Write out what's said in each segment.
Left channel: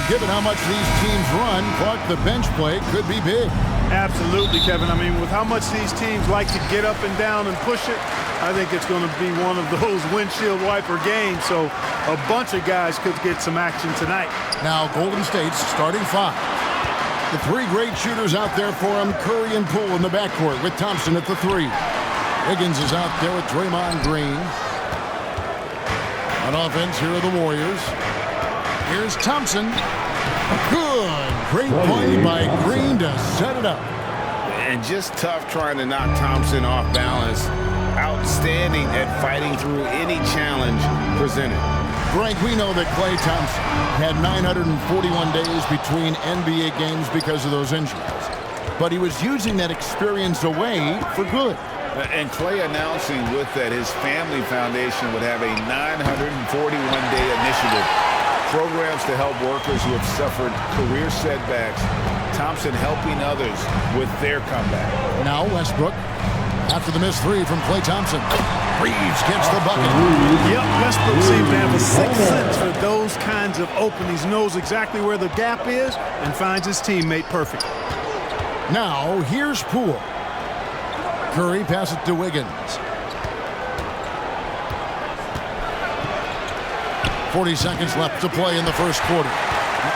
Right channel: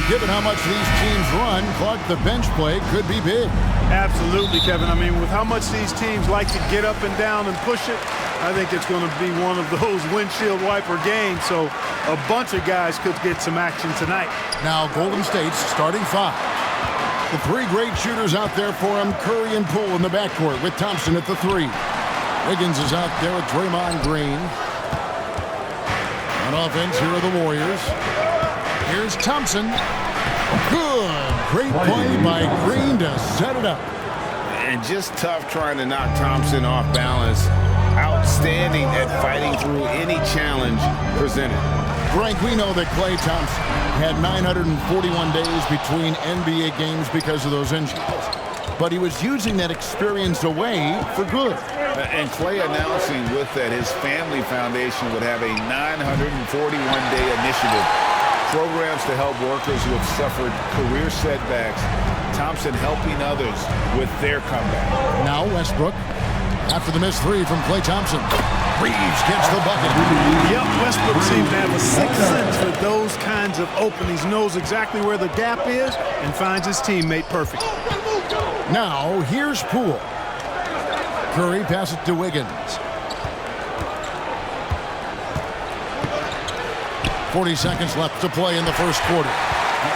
And given how much these teams run, Clark, the bench play could be big. Absolutely, Kevin. I mean, with how much these teams like to get up and down and push it, I think it's going to be one of those windshield wiper games. So a bunch of guys could get some action tonight. Now Golden State's starting five. The three great shooters out there for him, Curry and Poole in the backcourt with Thompson at the three. Wiggins is out there with Draymond Green. On offense, here are the Warriors. Here's Thompson. Good. Great play by Green to set it up. And just tough trying to knock Thompson off balance. Outstanding at fighting through any challenge presented. Frank, we know that Klay Thompson had 941 days between NBA games because of those injuries. But he was using that experience away for good. And Klay announcing with that his family foundation would have a 941-day initiative. Programs to help workers who have suffered career setbacks. Thompson helping others with their comeback. Now Westbrook. After the missed three from Klay Thompson. Reeves gets the bucket. Yep, Westbrook seems to have a sixth sense for those kinds of openings. Knows exactly where the gap is and finds his teammate perfect. Now here's Poole. Curry passes it to Wiggins. 40 seconds left to play in the first quarter.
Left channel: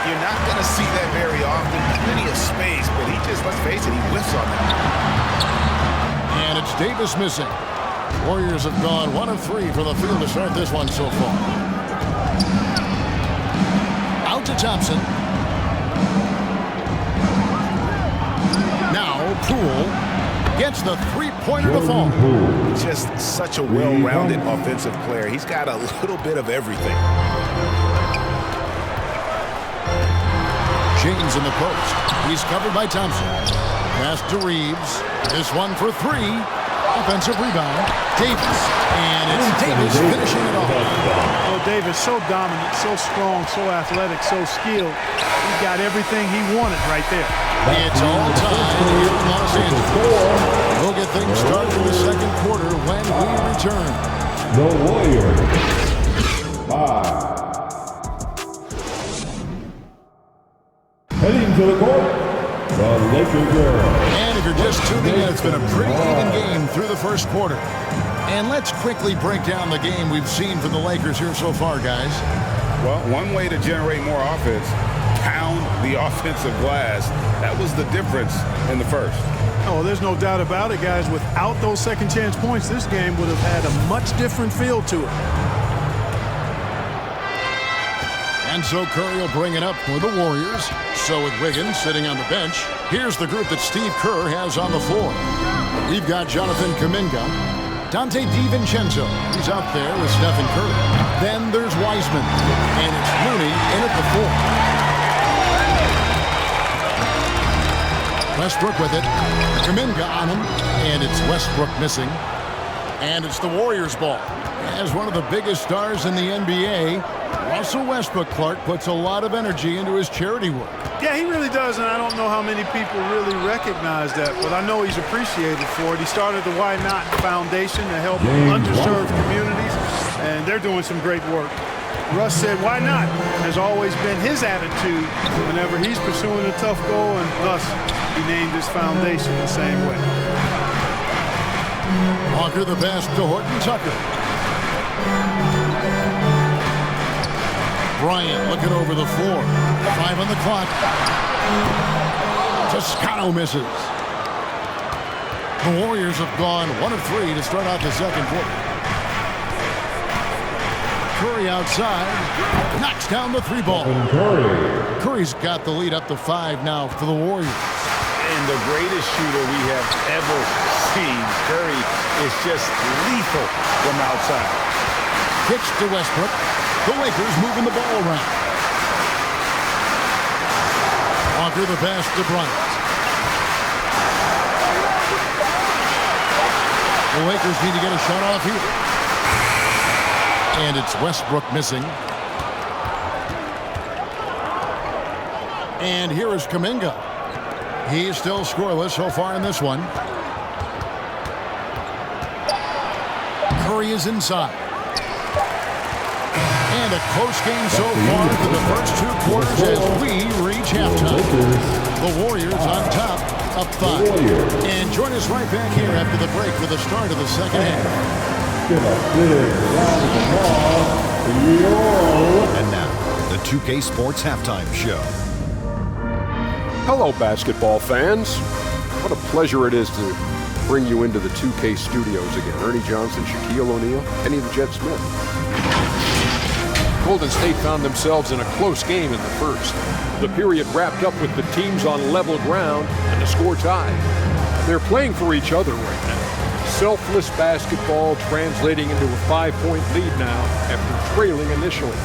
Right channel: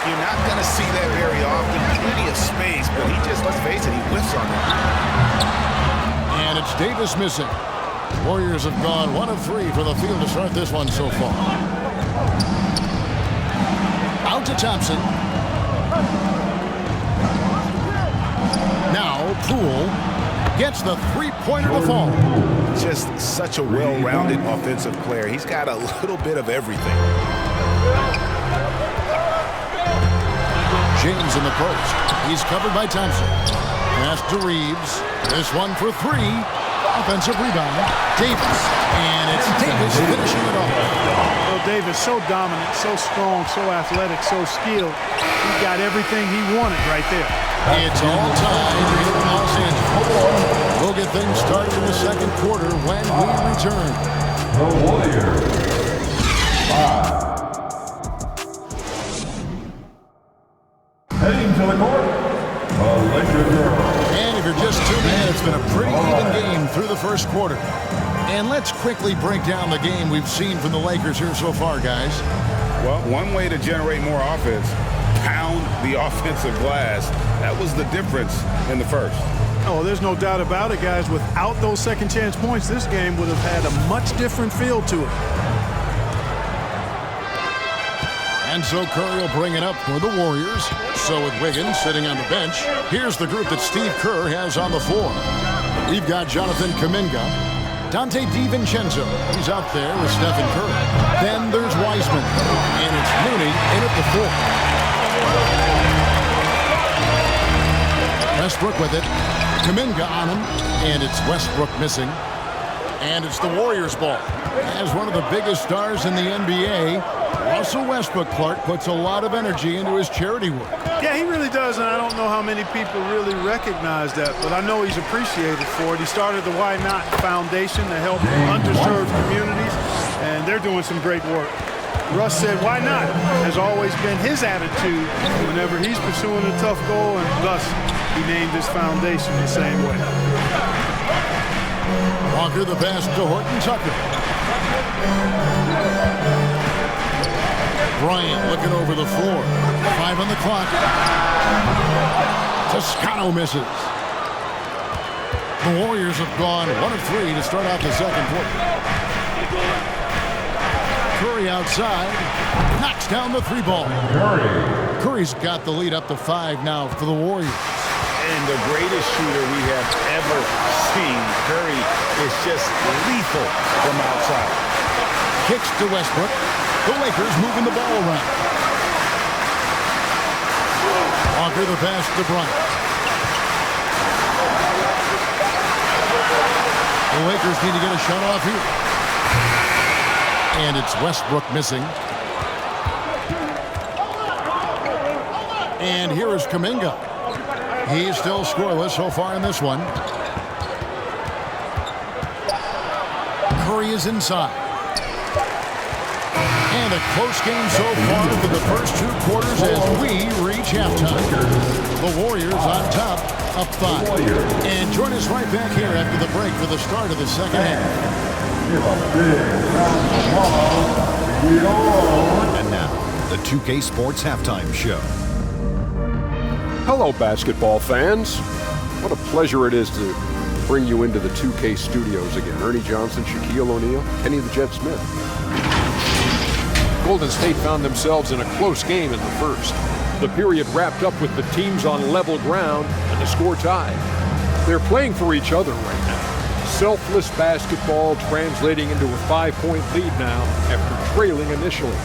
You're not going to see that very often. Plenty of space, but he just, let's face it, he whiffs on it. And it's Davis missing. Warriors have gone 1 of 3 from the field to start this one so far. Out to Thompson. Now Poole gets the three-pointer to fall. Just such a well-rounded offensive player. He's got a little bit of everything. James in the post. He's covered by Thompson. Pass to Reeves. This one for three. Offensive rebound. Davis. And it's Davis finishing it off. Well, Davis, so dominant, so strong, so athletic, so skilled. He got everything he wanted right there. It's all tied here in Los Angeles. We'll get things started in the second quarter when we return. The Warriors. 5. Heading to the court, the Laker girls. And if you're just tuning in, it's been a pretty even game through the first quarter. And let's quickly break down the game we've seen from the Lakers here so far, guys. Well, one way to generate more offense, pound the offensive glass. That was the difference in the first. Oh, there's no doubt about it, guys. Without those second chance points, this game would have had a much different feel to it. And so Curry will bring it up for the Warriors. So with Wiggins sitting on the bench, here's the group that Steve Kerr has on the floor. We've got Jonathan Kuminga, Dante DiVincenzo. He's out there with Stephen Curry. Then there's Wiseman, and it's Looney in at the 4. Westbrook with it. Kuminga on him, and it's Westbrook missing. And it's the Warriors' ball. As one of the biggest stars in the NBA, Russell Westbrook, Clark, puts a lot of energy into his charity work. Yeah, he really does, and I don't know how many people really recognize that, but I know he's appreciated for it. He started the Why Not Foundation to help underserved communities, and they're doing some great work. Russ said, why not? Has always been his attitude whenever he's pursuing a tough goal, and thus he named his foundation the same way. Walker the pass to Horton Tucker. Bryant looking over the floor. 5 on the clock. Toscano misses. The Warriors have gone 1 of 3 to start out the second quarter. Curry outside. Knocks down the 3-ball. Curry's got the lead up to 5 now for the Warriors. And the greatest shooter we have ever seen. Curry is just lethal from outside. Kicks to Westbrook. The Lakers moving the ball around. Walker the pass to Bryant. The Lakers need to get a shot off here. And it's Westbrook missing. And here is Kuminga. He's still scoreless so far in this one. Curry is inside. And a close game so far for the first 2 quarters as The Warriors on top, up 5. And join us right back here after the break for the start of the second half. Give a big round of applause to your... And now, the 2K Sports Halftime Show. Hello, basketball fans. What a pleasure it is to bring you into the 2K studios again. Ernie Johnson, Shaquille O'Neal, Kenny the Jet Smith. Golden State found themselves in a close game in the first. The period wrapped up with the teams on level ground and the score tied. They're playing for each other right now. Selfless basketball translating into a 5-point lead now after trailing initially.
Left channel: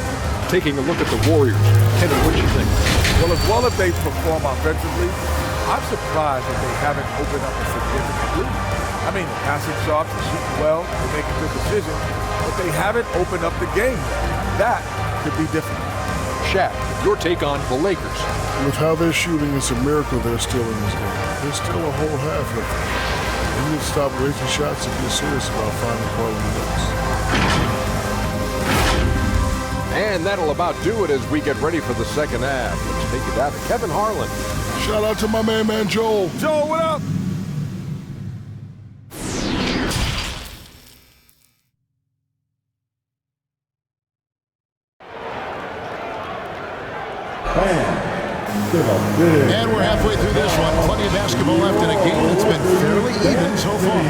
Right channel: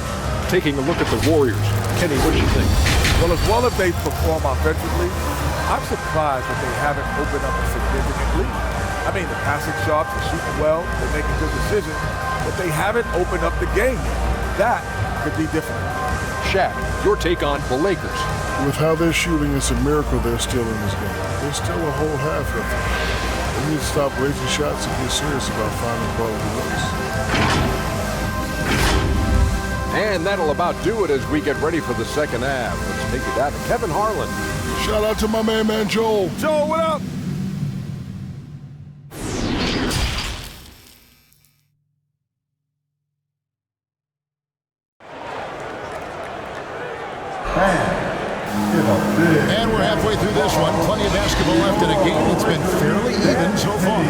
Taking a look at the Warriors. Kenny, what do you think? Well as they perform offensively, I'm surprised that they haven't opened up a significant lead. I mean, the passing shots, they're shooting well, they're making good decisions, but they haven't opened up the game yet. That could be difficult. Shaq, your take on the Lakers. With how they're shooting, it's a miracle they're still in this game. There's still a whole half left. They need to stop wasting shots and get serious about finding quality looks. And that'll about do it as we get ready for the second half. Let's take it down to Kevin Harlan. Shout out to my man Joel. Joe, what up? Give a big... And we're halfway through this one. Plenty of basketball left in a game that's been fairly even so far.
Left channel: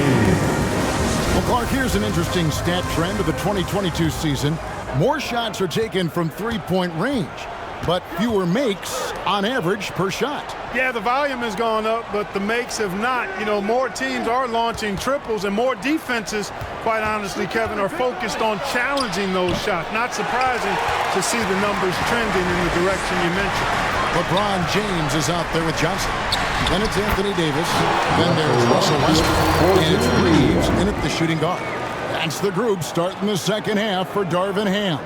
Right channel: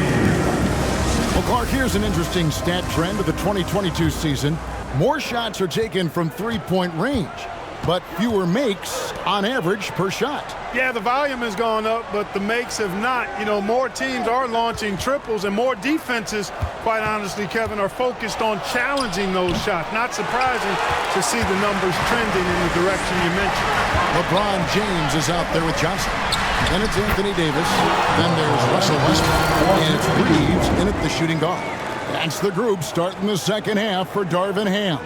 Well, Clark, here's an interesting stat trend of the 2022 season. More shots are taken from three-point range, but fewer makes on average per shot. Yeah, the volume has gone up, but the makes have not. You know, more teams are launching triples, and more defenses, quite honestly, Kevin, are focused on challenging those shots. Not surprising to see the numbers trending in the direction you mentioned. LeBron James is out there with Johnson. Then it's Anthony Davis. Then there's Russell Westbrook. And it's Reeves in at the shooting guard. That's the group starting the second half for Darvin Ham.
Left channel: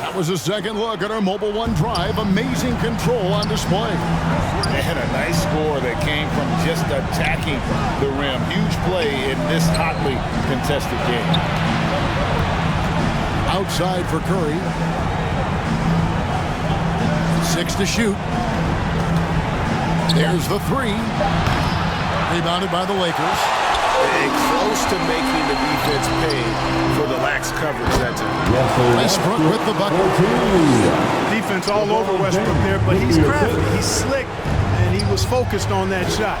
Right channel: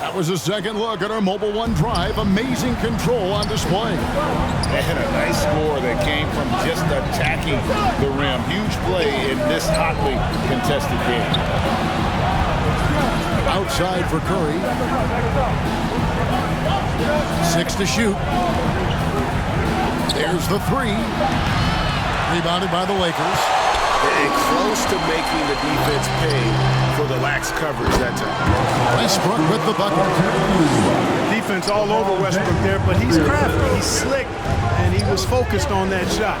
That was a second look at our Mobile One Drive. Amazing control on display. They had a nice score that came from just attacking the rim. Huge play in this hotly contested game. Outside for Curry. 6 to shoot. There's the 3. Rebounded by the Lakers. And close to making the defense pay for the lax coverage that time. Westbrook with the bucket. Defense all over Westbrook there, but he's crafty, he's slick, and he was focused on that shot.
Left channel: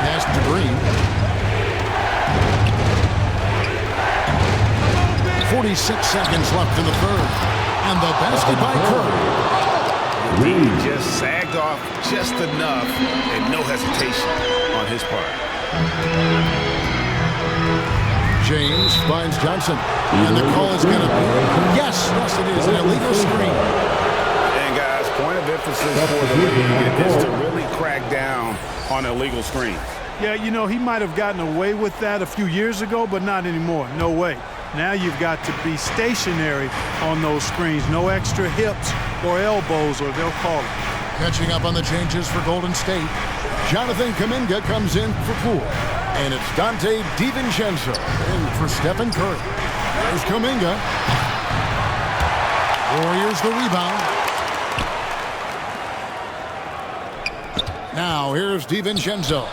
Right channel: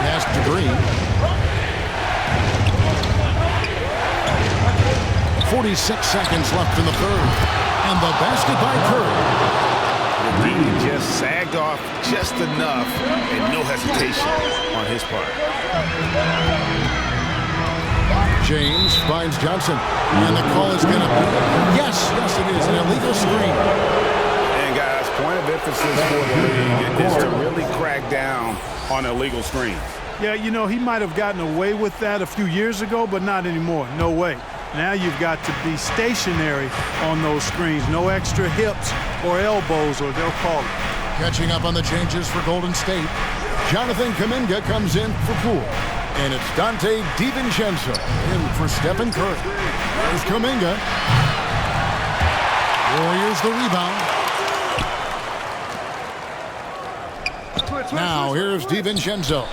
Pass to Green. 46 seconds left in the third. And the basket by Curry. The D just sagged off just enough and no hesitation on his part. James finds Johnson. And the call is going to be, yes, it is, an illegal screen. And guys, point of emphasis for the league is to really crack down on illegal screens. Yeah, you know, he might have gotten away with that a few years ago, but not anymore. No way. Now you've got to be stationary on those screens. No extra hips or elbows, or they'll call it. Catching up on the changes for Golden State. Jonathan Kuminga comes in for Poole. And it's Dante DiVincenzo in for Stephen Curry. There's Kuminga. Warriors the rebound. Now here's DiVincenzo.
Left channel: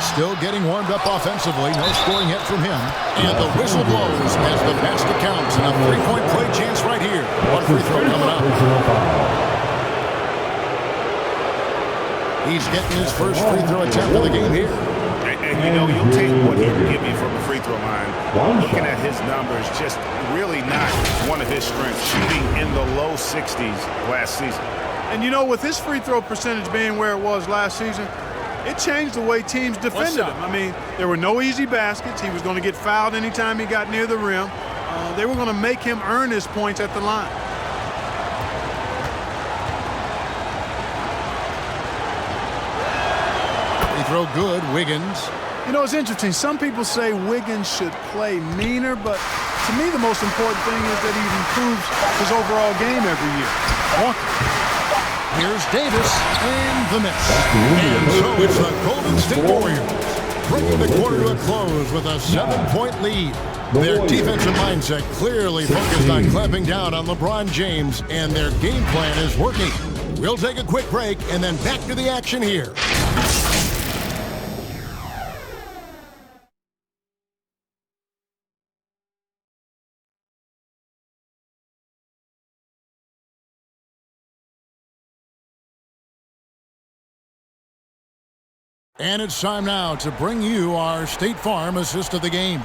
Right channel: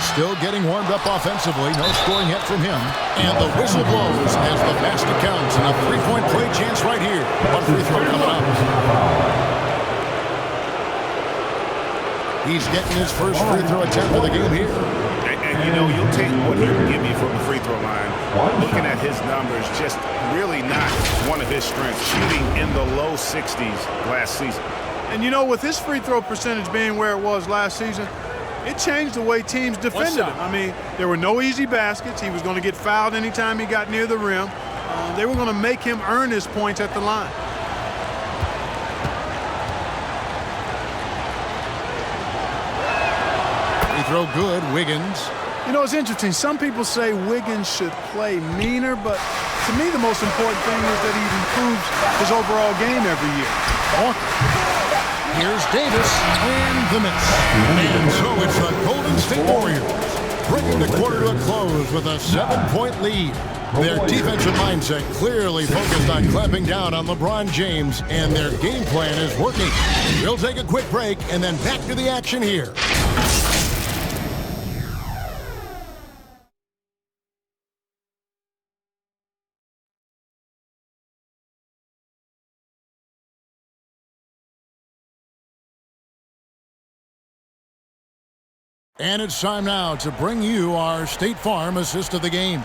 Still getting warmed up offensively. No scoring yet from him. And the whistle blows as the basket counts. And a three-point play chance right here. One free throw coming up. He's getting his first free throw attempt of the game here. And you know, you'll take what he can give you from the free throw line. Looking at his numbers, just really not one of his strengths. Shooting in the low 60s last season. And you know, with his free throw percentage being where it was last season, it changed the way teams defended him. I mean, there were no easy baskets. He was going to get fouled anytime he got near the rim. They were going to make him earn his points at the line. Free throw good, Wiggins. You know, it's interesting. Some people say Wiggins should play meaner, but to me the most important thing is that he improves his overall game every year. Walker. Here's Davis, and the miss. And so it's the Golden State Warriors, bringing the quarter to a close with a 7-point lead. Their defensive mindset clearly focused on clamping down on LeBron James, and their game plan is working. We'll take a quick break and then back to the action here. And it's time now to bring you our State Farm assist of the game.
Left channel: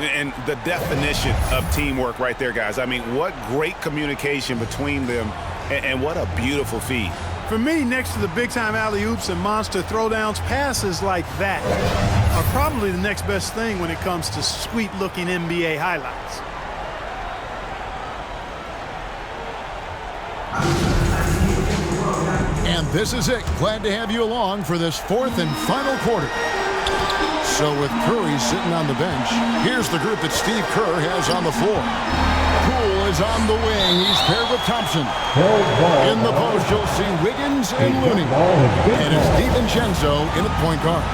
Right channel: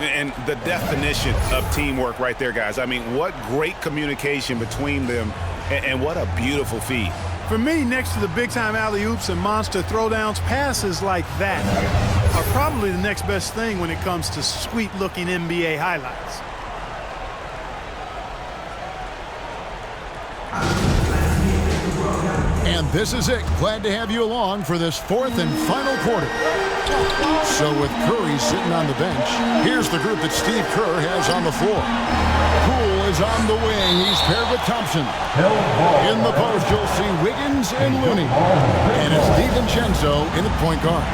And the definition of teamwork right there, guys. I mean, what great communication between them, and what a beautiful feed. For me, next to the big-time alley-oops and monster throwdowns, passes like that are probably the next best thing when it comes to sweet-looking NBA highlights. And this is it. Glad to have you along for this fourth and final quarter. So with Curry sitting on the bench, here's the group that Steve Kerr has on the floor. Poole is on the wing. He's paired with Thompson. In the post, you'll see Wiggins and Looney. And it's DiVincenzo in at point guard.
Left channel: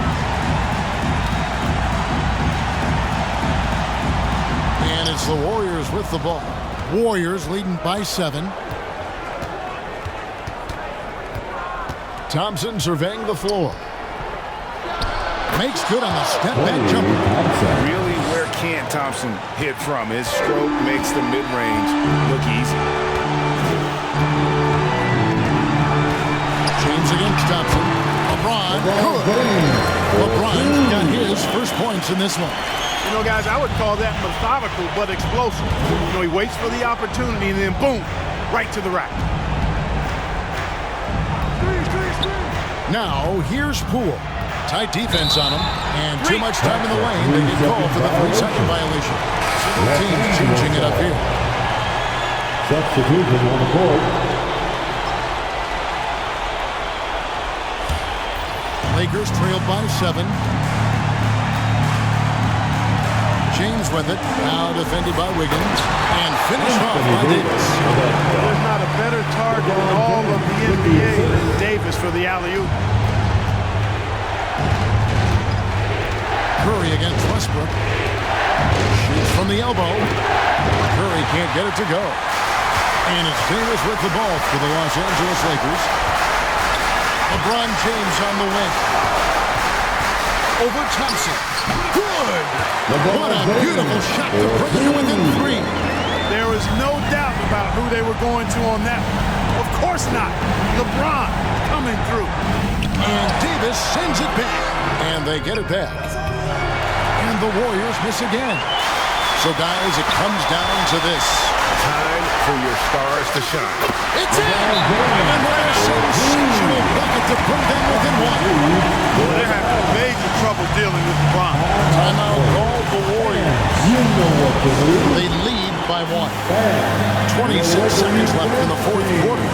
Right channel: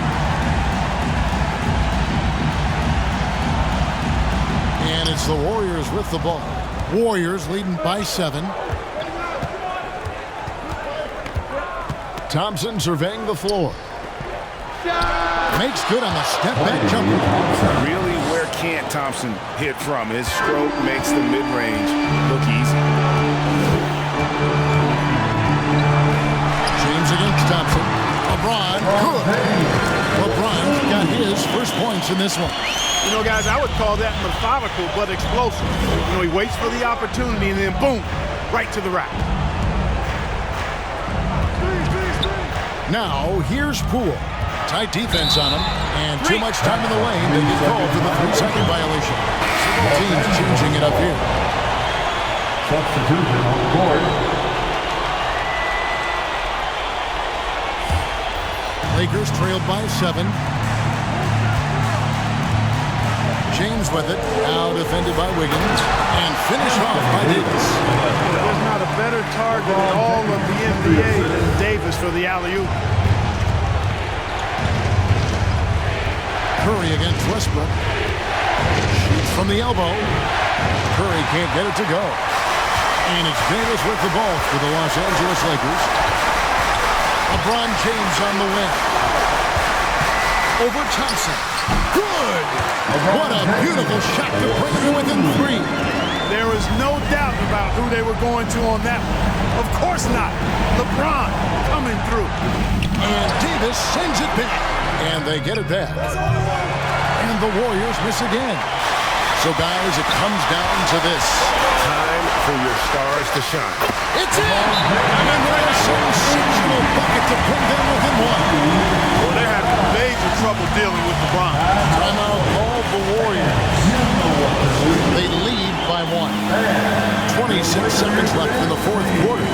And it's the Warriors with the ball. Warriors leading by 7. Thompson surveying the floor. Makes good on the step-back jumper. Really, where can't Thompson hit from? His stroke makes the mid-range look easy. James against Thompson. LeBron, good. LeBron got his first points in this one. You know, guys, I would call that methodical but explosive. You know, he waits for the opportunity and then, boom, right to the rack. Now, here's Poole. Tight defense on him, and too much time in the lane. They get called for the 3-second violation. Several teams changing it up here. Substitution on the court. Lakers trailed by 7. James with it, now defended by Wiggins, and finished off by Davis. There's not a better target in all of the NBA than Davis for the alley-oop. Curry against Westbrook. Shoots from the elbow. Curry can't get it to go. And it's Davis with the ball for the Los Angeles Lakers. LeBron James on the wing. Over Thompson. Good! What a beautiful shot to bring him to within 3. There was no doubt about who they were going to on that one. Of course not. LeBron coming through. And Davis sends it back. And they get it back. And the Warriors miss again. So, guys, it comes down to this. Time for your stars to shine. It's in! And what a sensational bucket to bring them within 1. Well, they're having major trouble dealing with LeBron. Timeout called the Warriors. You know what to do. They lead by 1. 26 seconds left in the fourth quarter.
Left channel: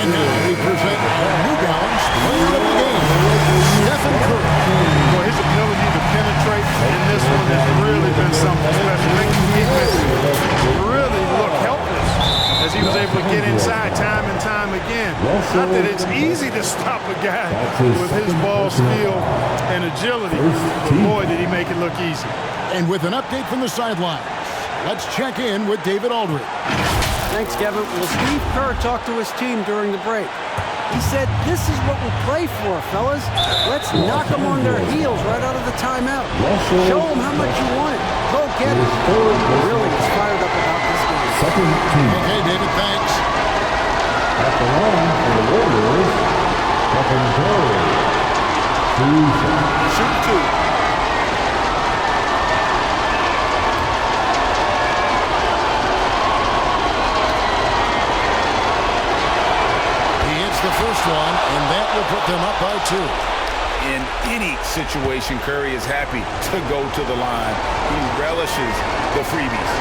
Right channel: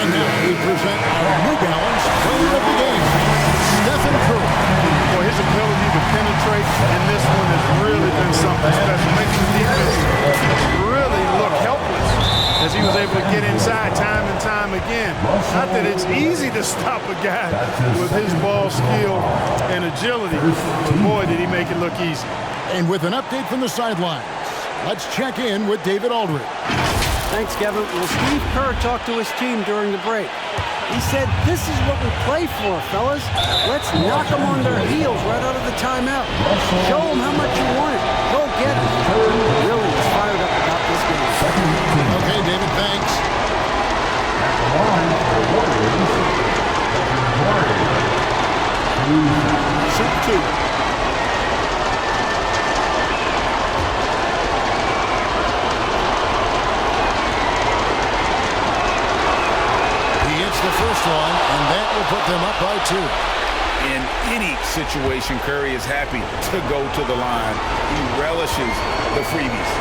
And now we present our New Balance player of the game, Stephen Curry. Boy, his ability to penetrate in this one has really been something special. Makes the defense really look helpless as he was able to get inside time and time again. Not that it's easy to stop a guy with his ball skill and agility, but boy, did he make it look easy. And with an update from the sidelines, let's check in with David Aldridge. Thanks, Kevin. Well, Steve Kerr talked to his team during the break. He said, "This is what we play for, fellas. Let's knock them on their heels right out of the timeout. Show them how much you want it. Go get it." Really is fired up about this game. Okay, David, thanks. At the line for the Warriors, Stephen Curry. 2 shots. Shoot 2. He hits the first one, and that will put them up by 2. In any situation, Curry is happy to go to the line. He relishes the freebies.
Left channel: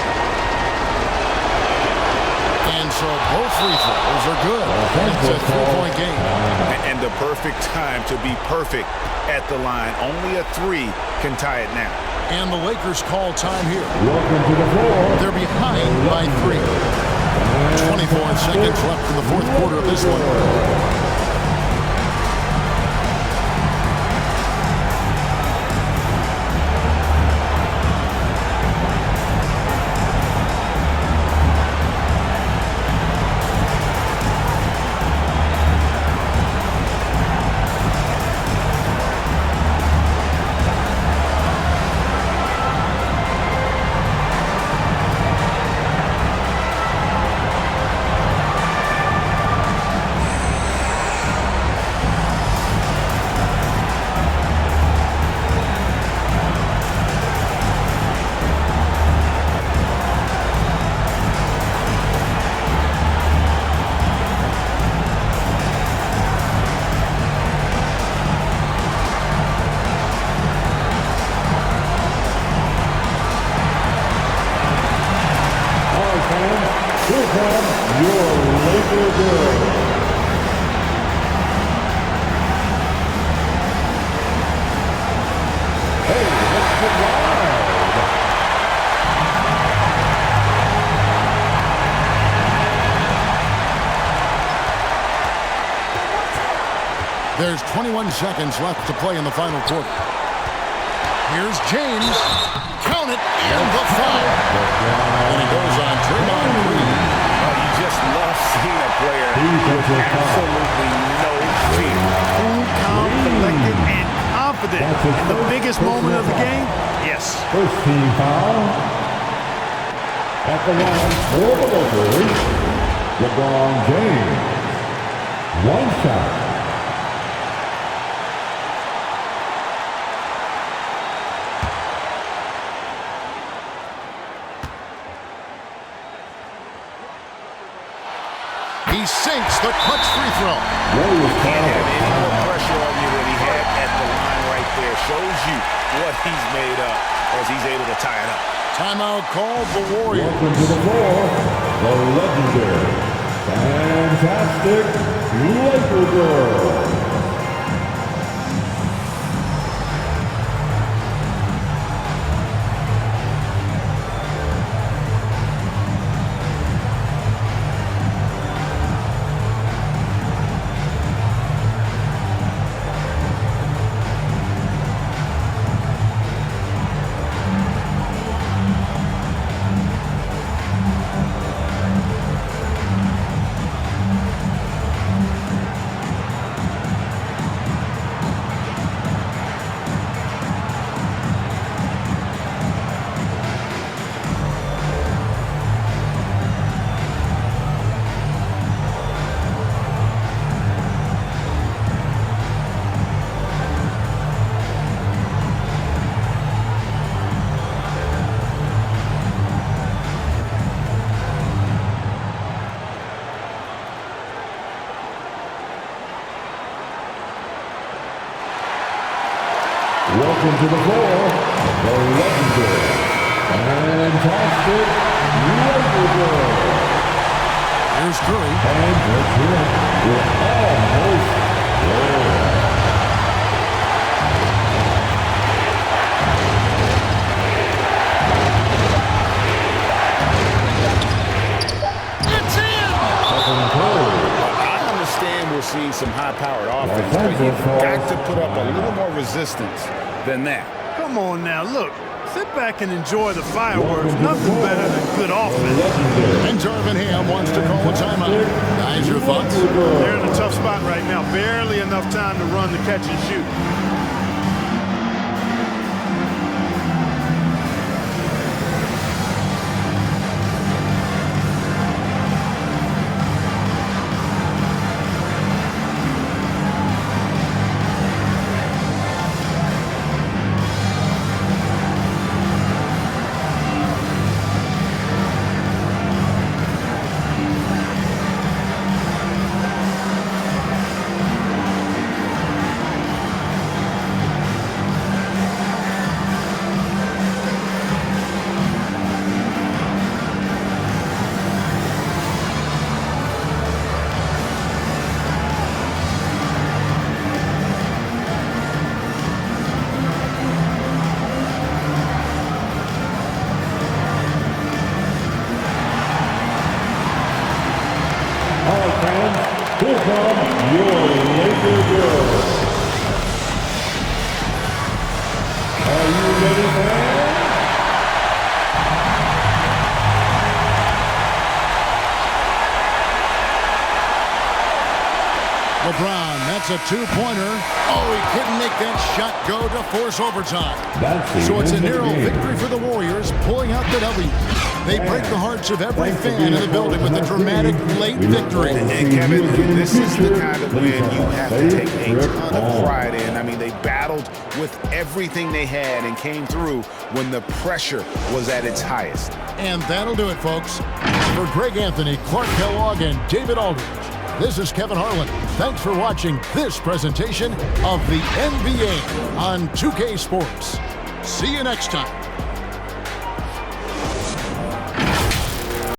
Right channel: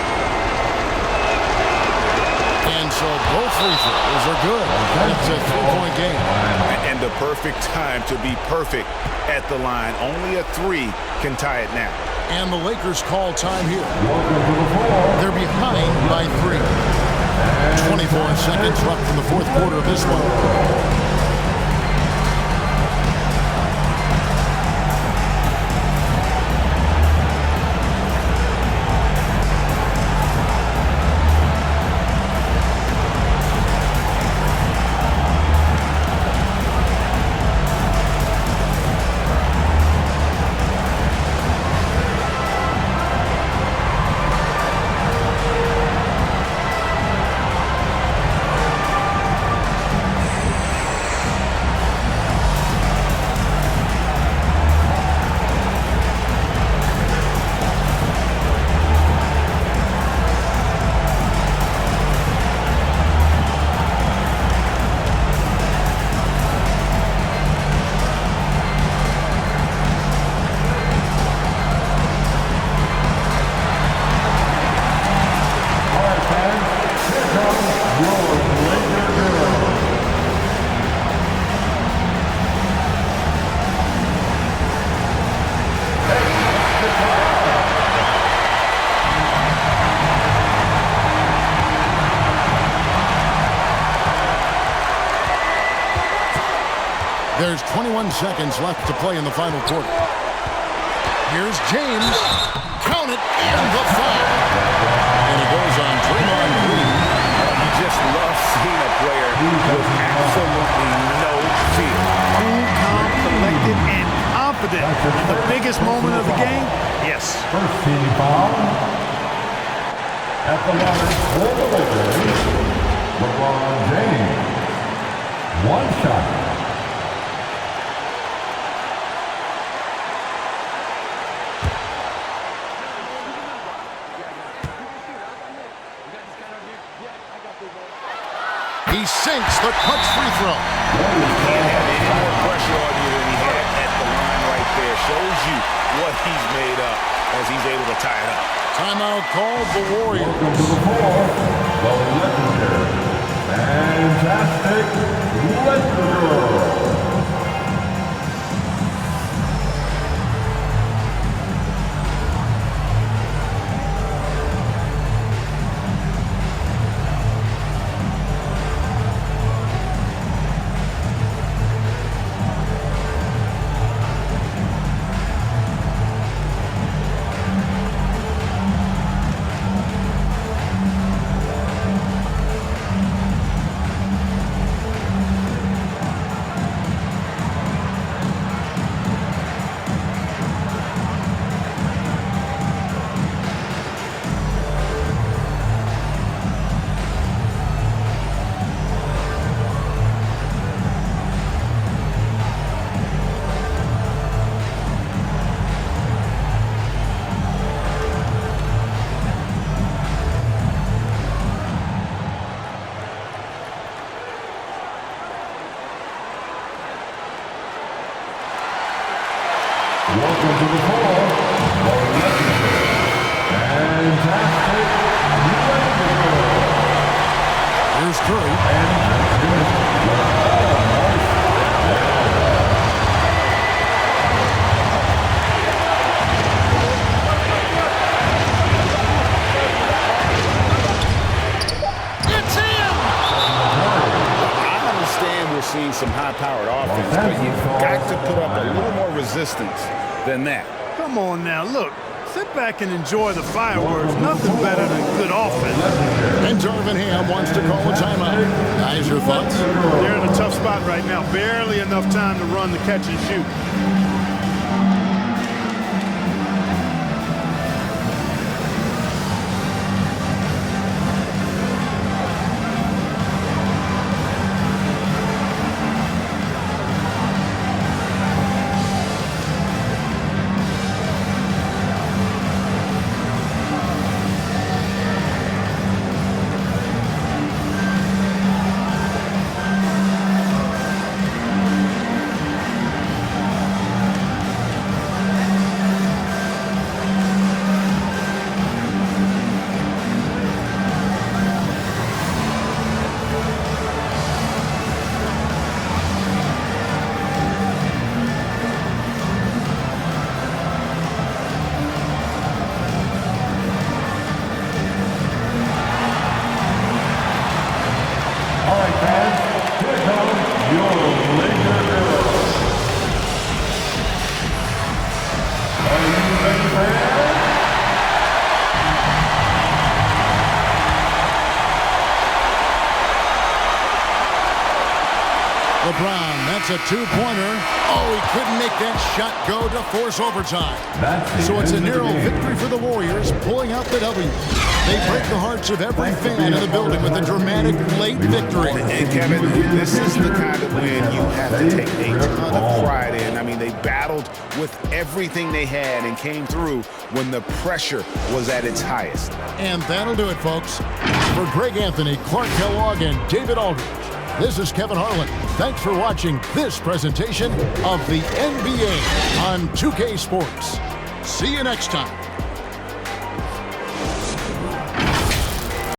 And so both free throws are good. It's a 3-point game. And the perfect time to be perfect at the line. Only a 3 can tie it now. And the Lakers call time here. Welcome to the floor. They're behind by 3. 24 seconds left in the fourth quarter of this one. Fans, here come your Laker girls. Hey, let's get wild. There's 21 seconds left to play in the final quarter. Here's James. Count it, and the foul. And it goes on Draymond Green. Oh, you just love seeing a player with absolutely no fear. Cool, calm, collected, and confident in the biggest moment of the game. Yes. First team foul. At the line for the Lakers, LeBron James. 1 shot. He sinks the clutch free throw. You can't have any more pressure on you than he had at the line right there. Shows you what he's made up as he's able to tie it up. Timeout called the Warriors. Welcome to the floor, the legendary, fantastic Laker girl. Welcome to the floor, the legendary, fantastic Laker girl. Here's Curry. And that's it. We're almost there. It's in! I understand we're seeing some high-powered offense, but you've got to put up a little more resistance than that. Come on now, look. Sit back and enjoy the fireworks. Nothing better than good offense. And Darvin Ham wants to call a timeout. Guys, your thoughts? They're in a tough spot right now. Barely enough time to run the catch and shoot. All right, fans, here come your Laker girls. Are you ready, fans? LeBron, that's a two-pointer. Oh, he couldn't make that shot go to force overtime. So it's a narrow victory for the Warriors, pulling out the W. They break the hearts of every fan in the building with a dramatic late victory. And Kevin, this is the kind of win you have to take a ton of pride in. I mean, they battled with everything they had and came through when the pressure was at its highest. And that'll do it, folks. For Greg Anthony, Clark Kellogg, and David Aldridge, this is Kevin Harlan. Thanks for watching this presentation of the NBA on 2K Sports. See you next time.